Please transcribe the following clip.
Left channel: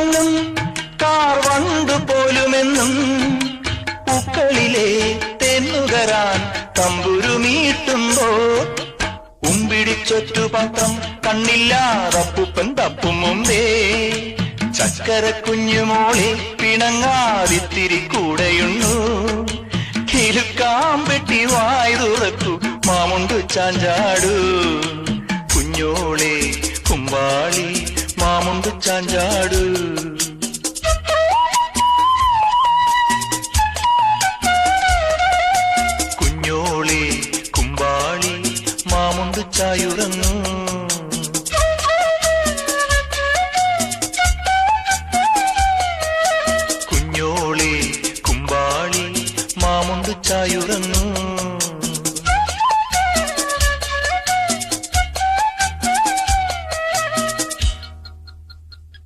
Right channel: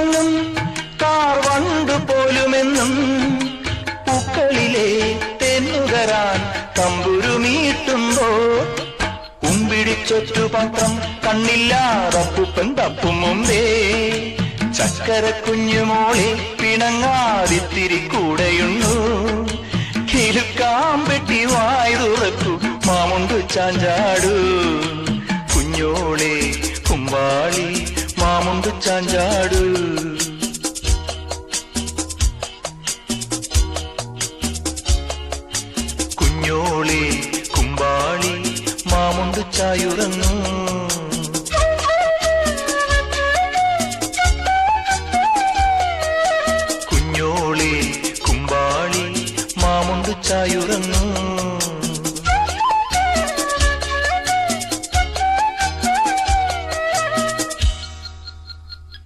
ഉറങ്ങും കാർവണ്ട് പോലുമെന്നും പൂക്കളിലെ തെന്നുകരാൻ തമ്പുരുമീട്ടുമ്പോ കുമ്പിടിച്ചൊറ്റുപത്രം കണ്ണില്ലാതപ്പുപ്പൻ തപ്പും മുമ്പേ ചക്കര കുഞ്ഞുമോളെ പിണങ്ങാതിത്തിരി കൂടെയുണ്ടു കിലുക്കാമ്പെട്ടി വായ തുറക്കു മാമുണ്ടു ചാഞ്ചാടു കുഞ്ഞോളെ കുമ്പാളി മാമുണ്ടു ചാഞ്ചാടു